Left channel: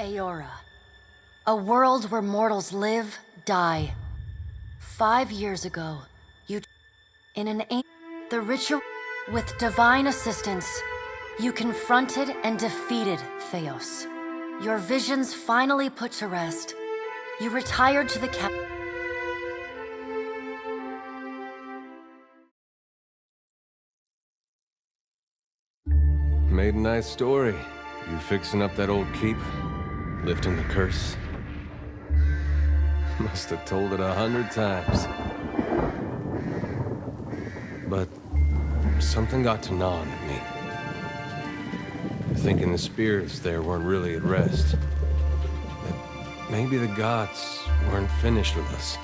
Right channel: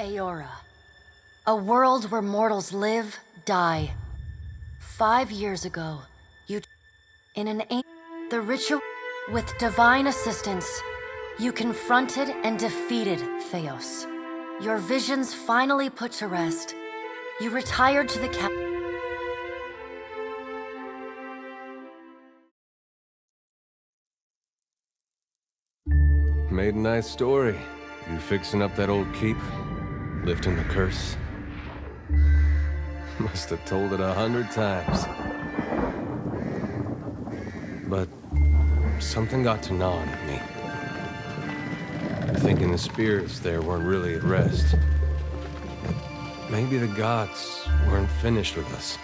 Aora, a world where mortals live, die. 5 years ago, in the ritual, with divine assistance, you confronted and defeated Theos. Your visions finally put to rest. You retired to the Made a nice story. You fixing up that old keep? Lifting the curse? Must have told it 100 times. But something got to gnawing at me. Thinking the spirits there weren't really at rest. That maybe the gods weren't finished with us.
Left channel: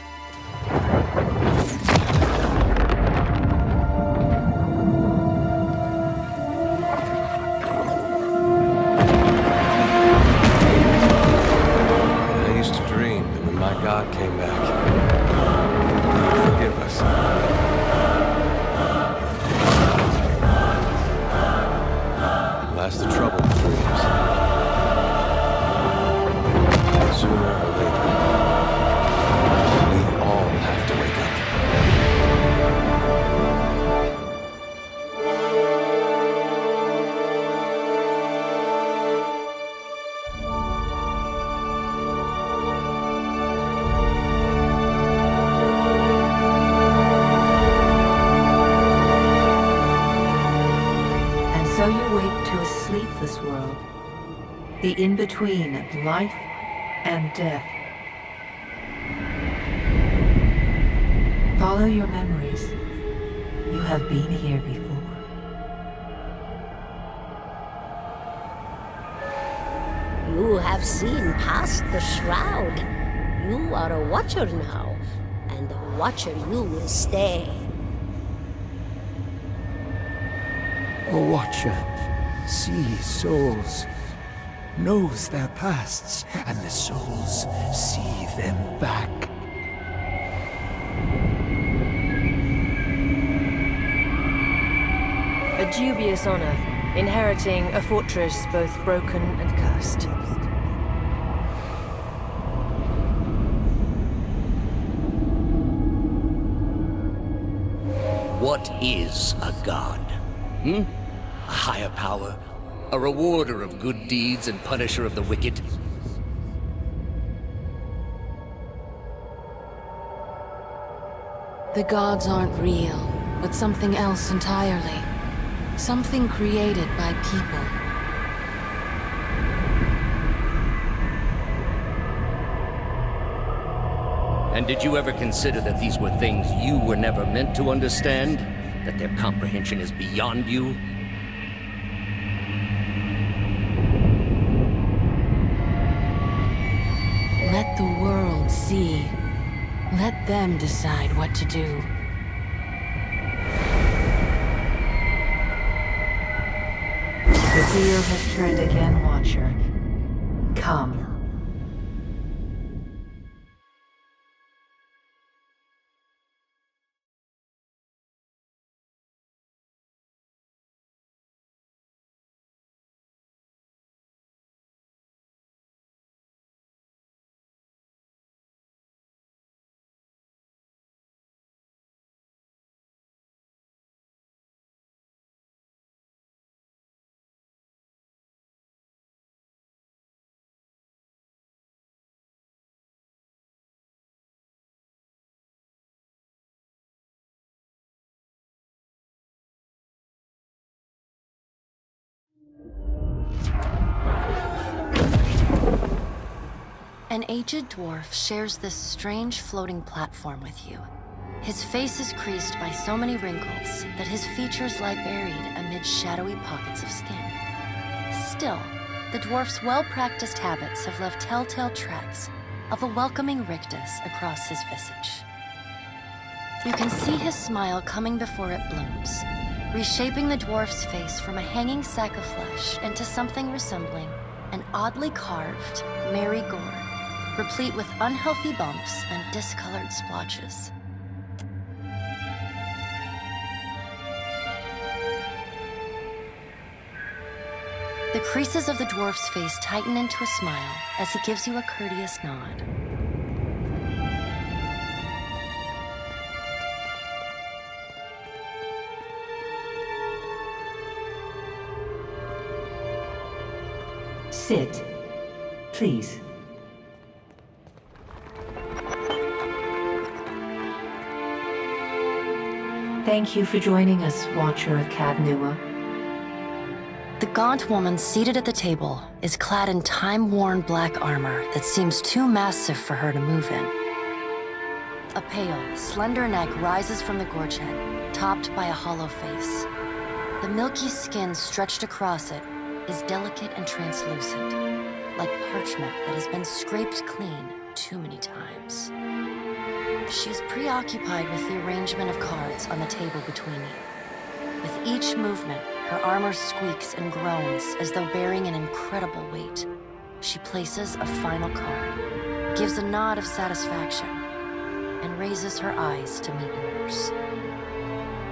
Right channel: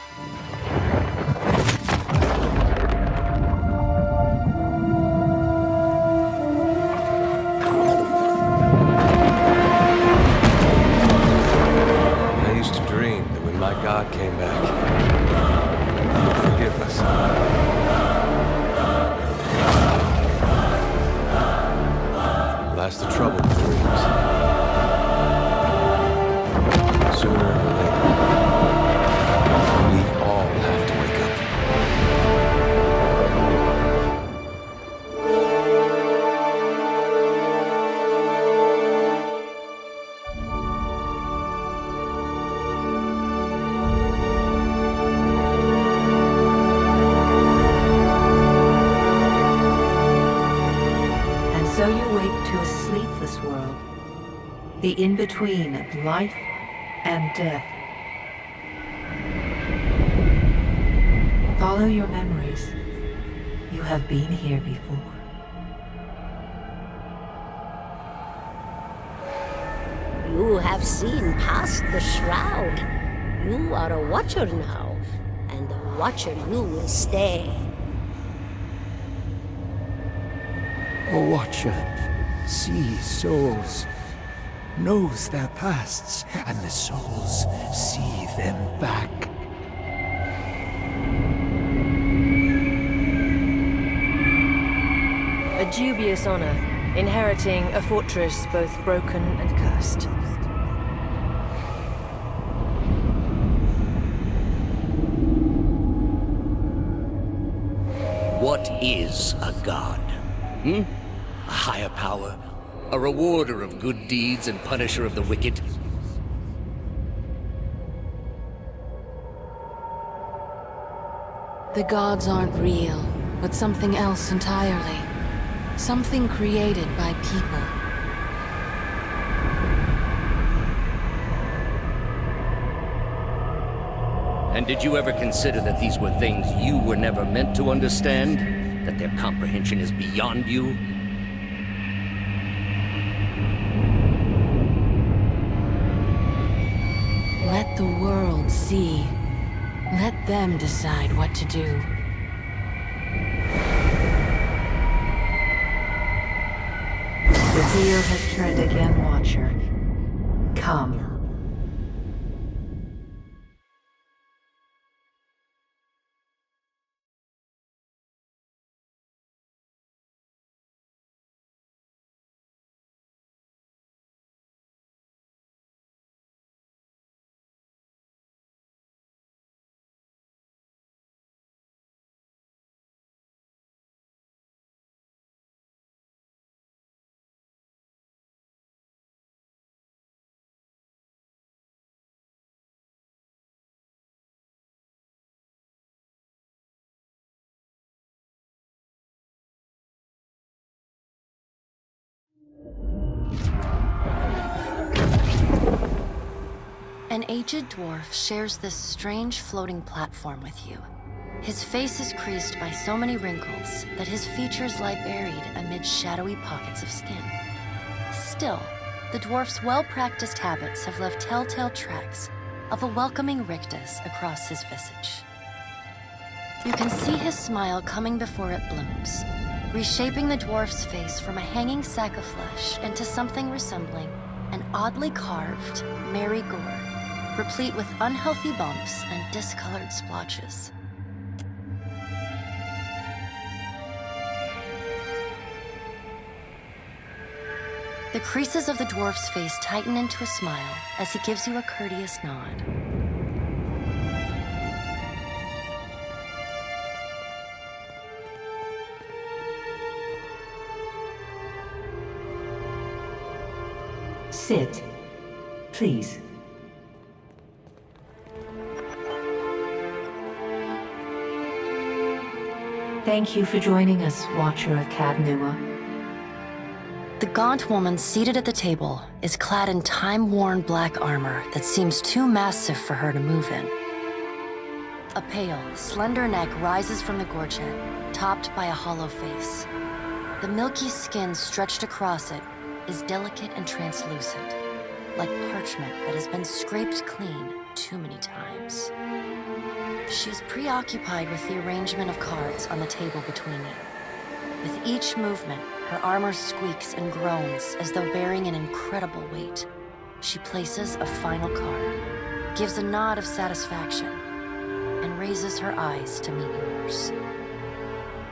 I used to dream that when my god came back, he would forgive us. That's the trouble with dreams. Sooner or later, we all have to wake up. So you wake to a sleepless world, the in-between of life and death. Follow your memories. You have been here before. You have seen past the shroud. You are a watcher now, and a watcher you will stay. A watcher sees souls, knows their pasts, and the souls see them back. A dubious honor, inheriting a fortress both broken and cursed. What is a god? A higher power? A rewarder of good deeds and punisher of the wicked? The gods aren't real, but something else entirely. Something created by people. And did you ever consider that these were things you were never meant to understand? That their comprehension is beyond you? Let the world see. Let them decide what to do. The wheel has turned again, Watcher. Come. An aged dwarf shares this strange floating platform with you. His face is creased by so many wrinkles that his features lie buried amid shadowy pockets of skin. Still, the dwarf's well-practiced habits have left telltale tracks of a welcoming rictus across his visage. You can see his smile coming before it blooms, reshaping the dwarf's face from a hanging sack of flesh into something resembling an oddly carved, merry gourd, replete with unhealthy bumps and discolored splotches. The creases of the dwarf's face tighten into a smile as he gives you a courteous nod. Sit, please. Thank you for joining us, Watcher of Cadnua. The gaunt woman seated at the table is clad in time-worn black armor that seems too massive for her to move in. A pale, slender neck rises from the gorget, topped by a hollow face. The milky skin stretched across it is delicate and translucent, like parchment that has been scraped clean too many times. She's preoccupied with the arrangement of cards on the table between you. With each movement, her armor squeaks and groans as though bearing an incredible weight. She places a final card, gives a nod of satisfaction, and raises her eyes to meet yours.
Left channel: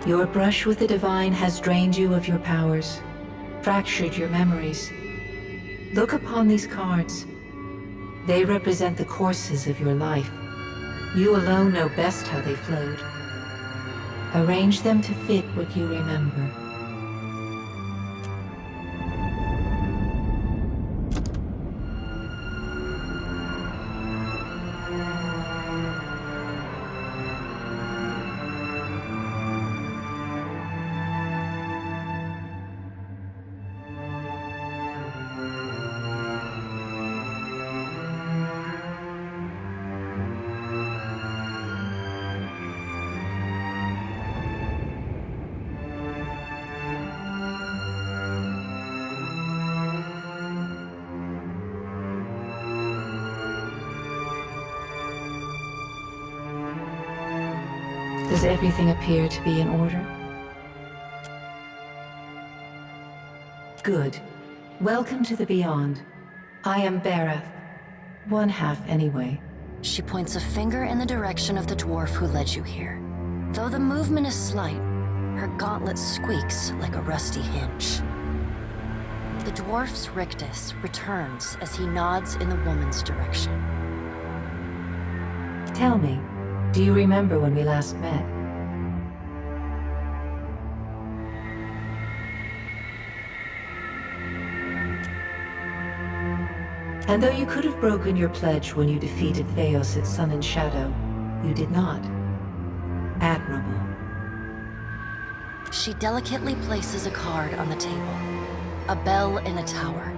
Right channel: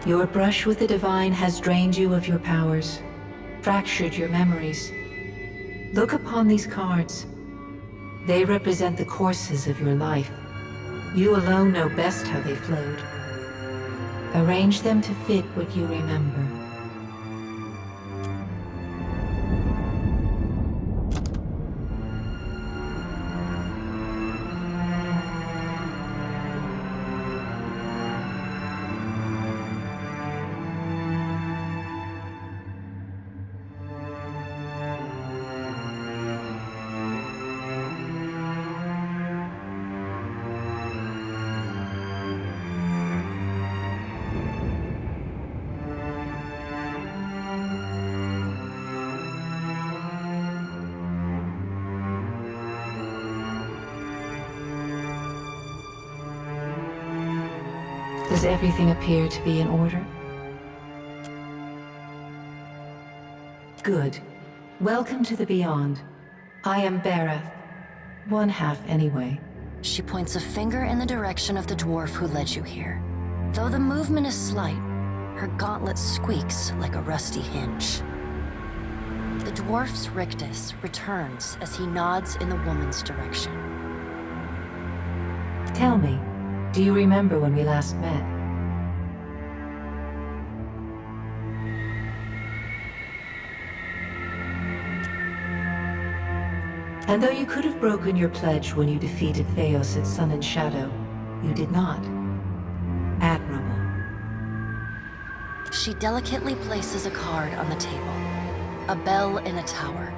Your brush with the divine has drained you of your powers, fractured your memories. Look upon these cards. They represent the courses of your life. You alone know best how they flowed. Arrange them to fit what you remember. Does everything appear to be in order? Good. Welcome to the Beyond. I am Barath. One half, anyway. She points a finger in the direction of the dwarf who led you here. Though the movement is slight, her gauntlet squeaks like a rusty hinge. The dwarf's rictus returns as he nods in the woman's direction. Tell me, do you remember when we last met? And though you could have broken your pledge when you defeated Theos at Sun and Shadow, you did not. Admirable. She delicately places a card on the table. A bell in a tower.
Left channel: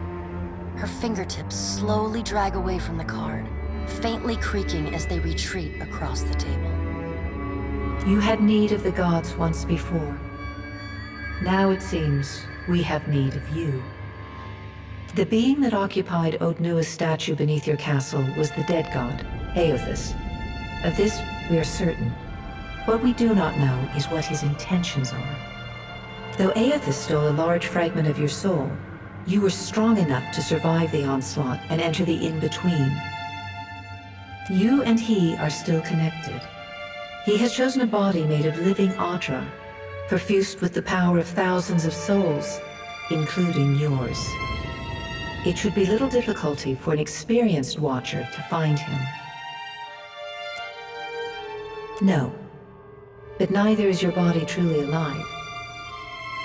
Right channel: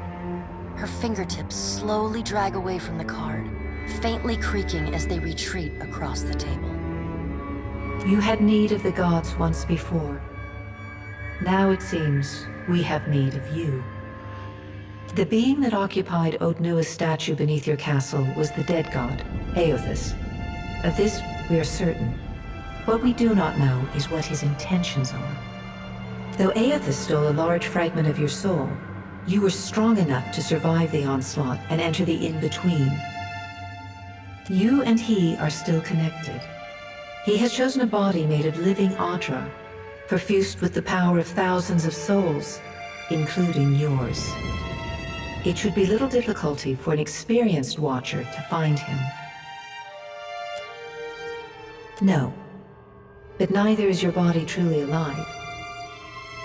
Her fingertips slowly drag away from the card, faintly creaking as they retreat across the table. You had need of the gods once before. Now it seems we have need of you. The being that occupied Odnua's statue beneath your castle was the dead god, Aothus. Of this we are certain. What we do not know is what his intentions are. Though Aothus stole a large fragment of your soul, you were strong enough to survive the onslaught and enter the in-between. You and he are still connected. He has chosen a body made of living Audra, perfused with the power of thousands of souls, including yours. It should be little difficulty for an experienced watcher to find him. No, but neither is your body truly alive.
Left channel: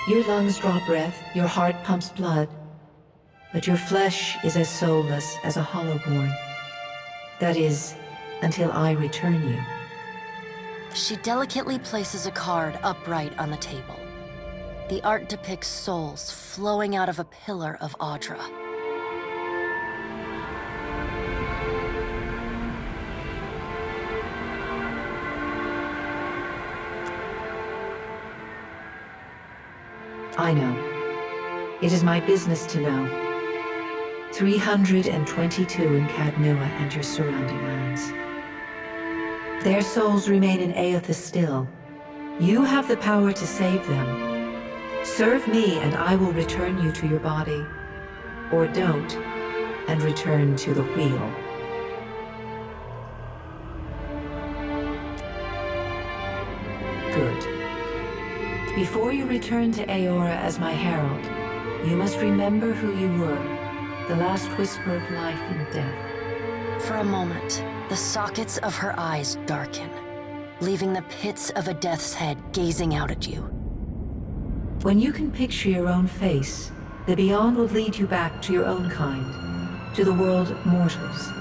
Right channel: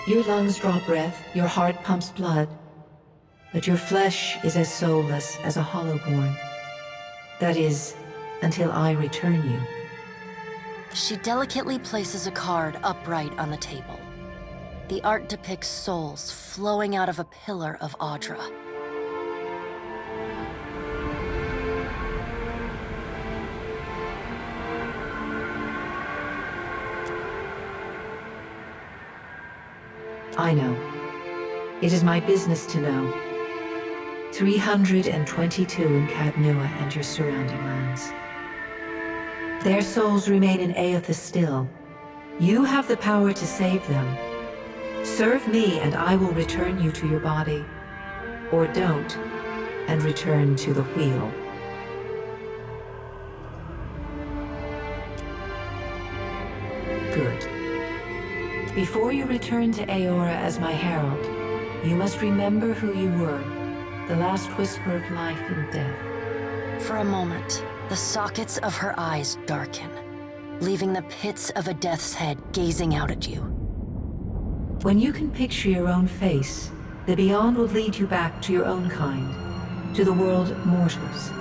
Your lungs draw breath, your heart pumps blood, but your flesh is as soulless as a hollowborn. That is, until I return you. She delicately places a card upright on the table. The art depicts souls flowing out of a pillar of Audra. I know. It is my business to know. 322 in Cadnua and your surrounding lands. Their souls remain in Aothus still. You have the power to save them. Serve me and I will return you to your body. Or don't, and return to the wheel. Good. Before you return to Aora as my herald, You must remember who you were, the last whisper of life and death. For a moment, the sockets of her eyes darken, leaving the pits of a death's head gazing out at you. When you can picture your own face, the Beyond will lead you back to your own kind, to the world of mortals.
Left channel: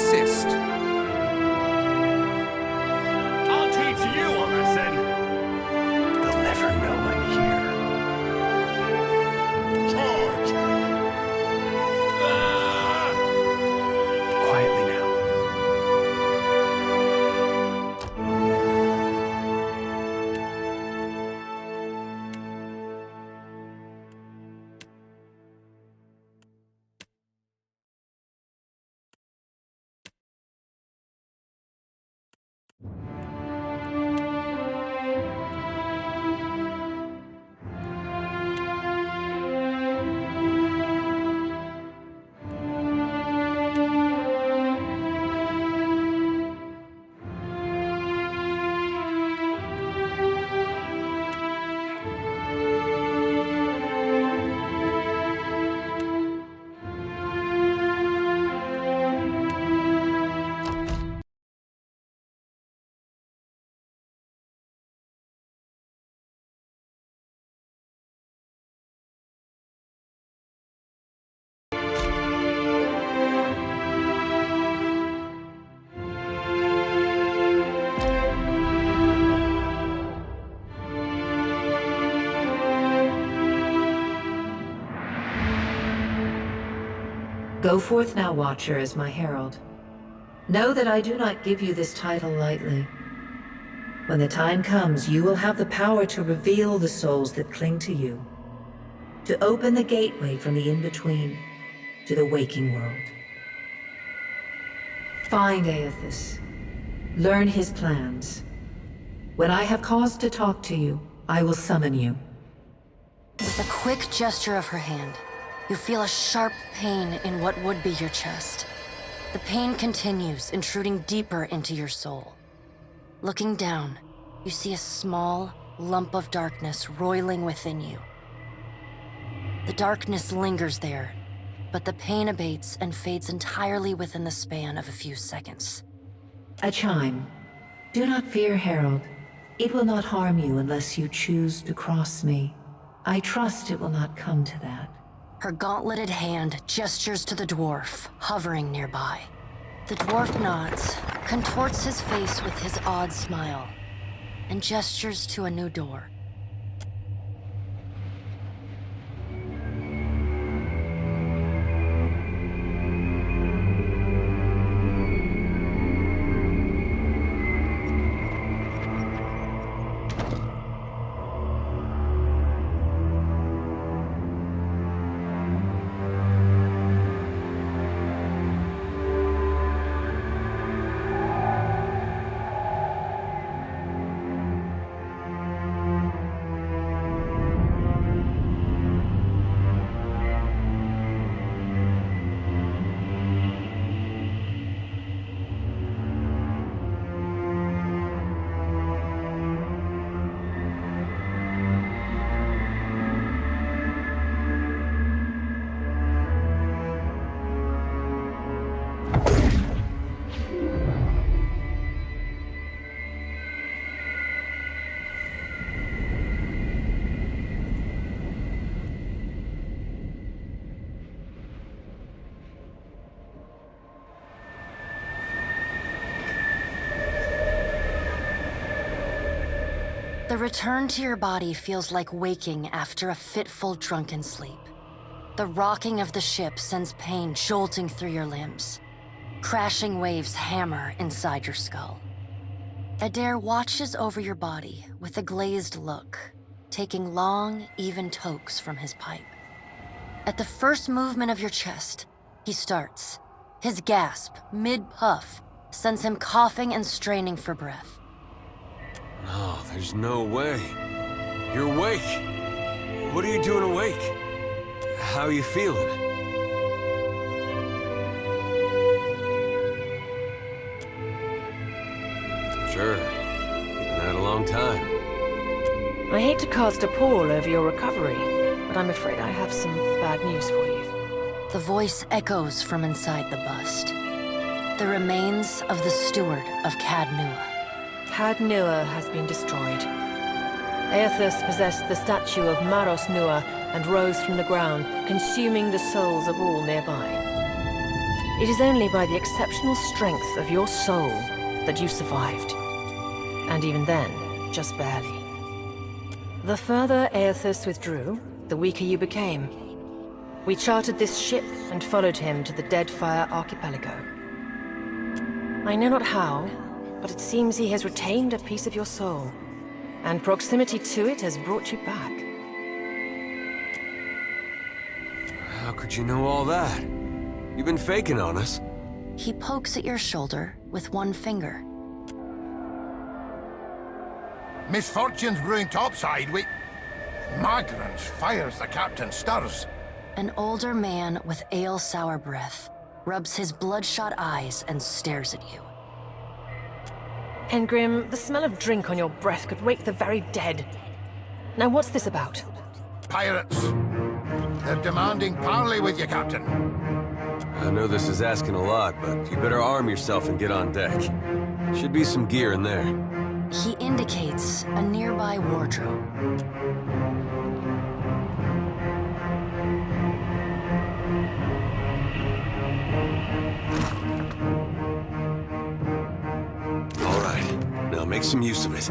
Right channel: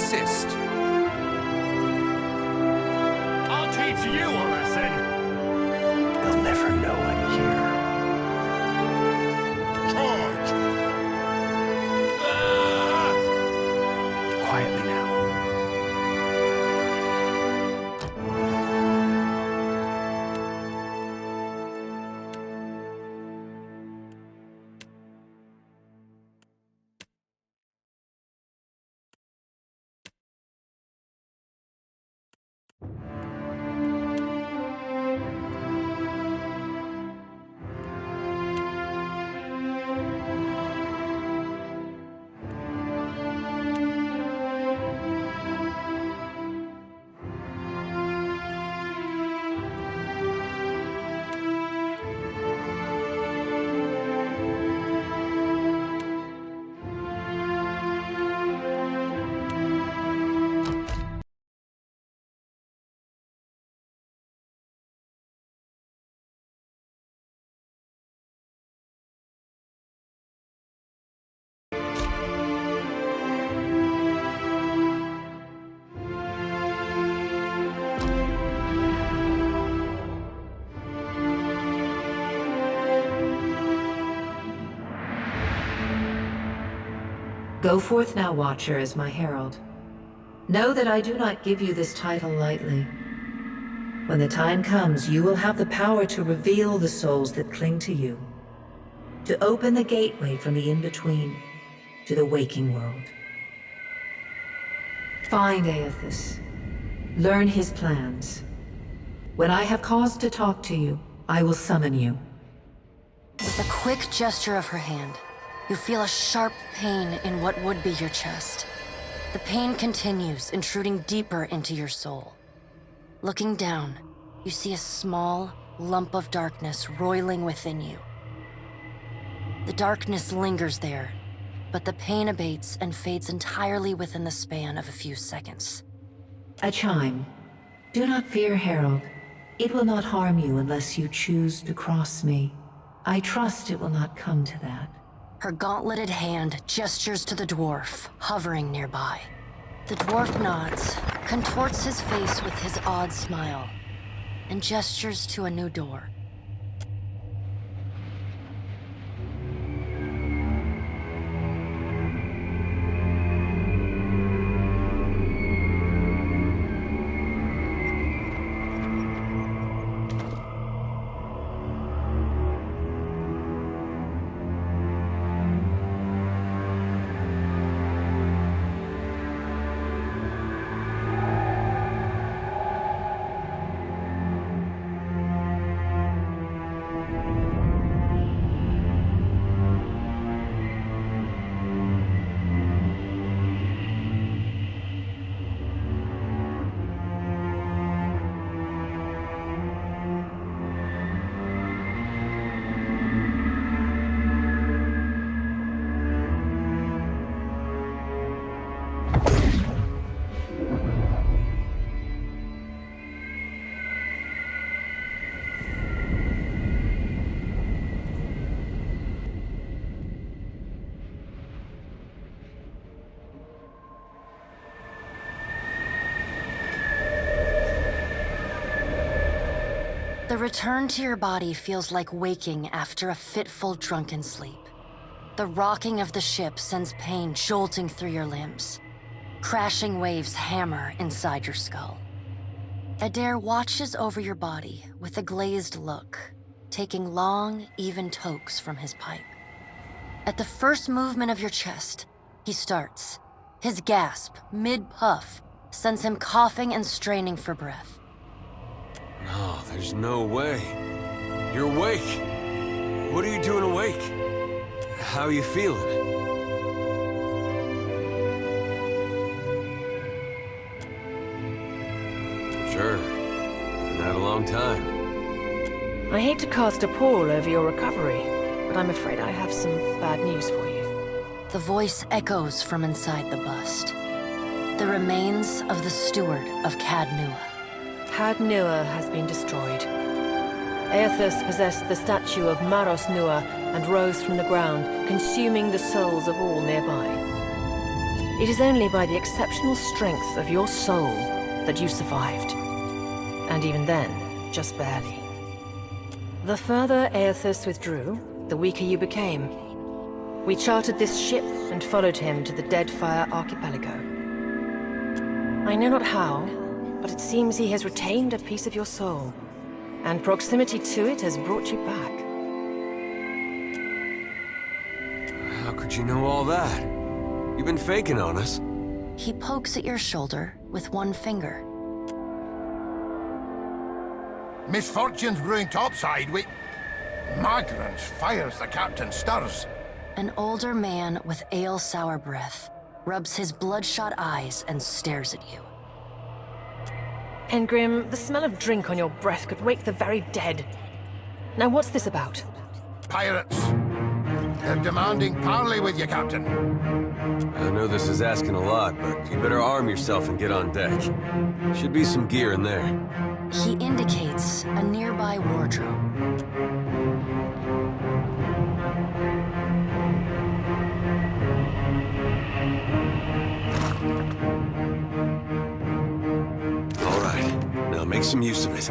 insist. I'll teach you a lesson. They'll never know I'm here. Charge! Ah! Quietly now. Go forth now, Watcher, as my herald. Know that I do not give you this title lightly. When the time comes, you will have the power to reveal the souls that cling to you, to open the gateway from the in-between to the waking world. Find Aethys. Learn his plans. When I have cause to talk to you, I will summon you. With a quick gesture of her hand, you feel a sharp pain in what would be your chest. The pain continues, intruding deeper into your soul. Looking down, you see a small lump of darkness roiling within you. The darkness lingers there, but the pain abates and fades entirely within the span of a few seconds. A chime. Do not fear, Herald. It will not harm you unless you choose to cross me. I trust it will not come to that. Her gauntleted hand gestures to the dwarf, hovering nearby. The dwarf nods, contorts his face with his odd smile, and gestures to a new door. The return to your body feels like waking after a fitful drunken sleep. The rocking of the ship sends pain jolting through your limbs. Crashing waves hammer inside your skull. Adair watches over your body with a glazed look, taking long, even tokes from his pipe. At the first movement of your chest, he starts. His gasp, mid-puff, sends him coughing and straining for breath. No, there's no way. You're awake. What are you doing awake? How are you feeling? Sure. You've been out a long time. I hate to cast a pall over your recovery, but I'm afraid I have some bad news for you. The voice echoes from inside the bust. The remains of the steward of Cad Nua. Cad Nua has been destroyed. Aethys possessed the statue of Maros Nua and rose from the ground, consuming the souls of all nearby. It is only by the exceptional strength of your soul that you survived. And even then, just barely. The further Aethys withdrew, the weaker you became. We chartered this ship and followed him to the Deadfire archipelago. I know not how, but it seems he has retained a piece of your soul, and proximity to it has brought you back. How could you know all that? You've been faking on us. He pokes at your shoulder with one finger. Misfortune's brewing topside. Migrants fires the captain stirs. An older man with ale-sour breath rubs his bloodshot eyes and stares at you. Engrim, the smell of drink on your breath could wake the very dead. Now what's this about? Pirates. They're demanding parley with you, Captain. I know this is asking a lot, but you better arm yourself and get on deck. Should be some gear in there. He indicates a nearby wardrobe. All right, now make some use of it.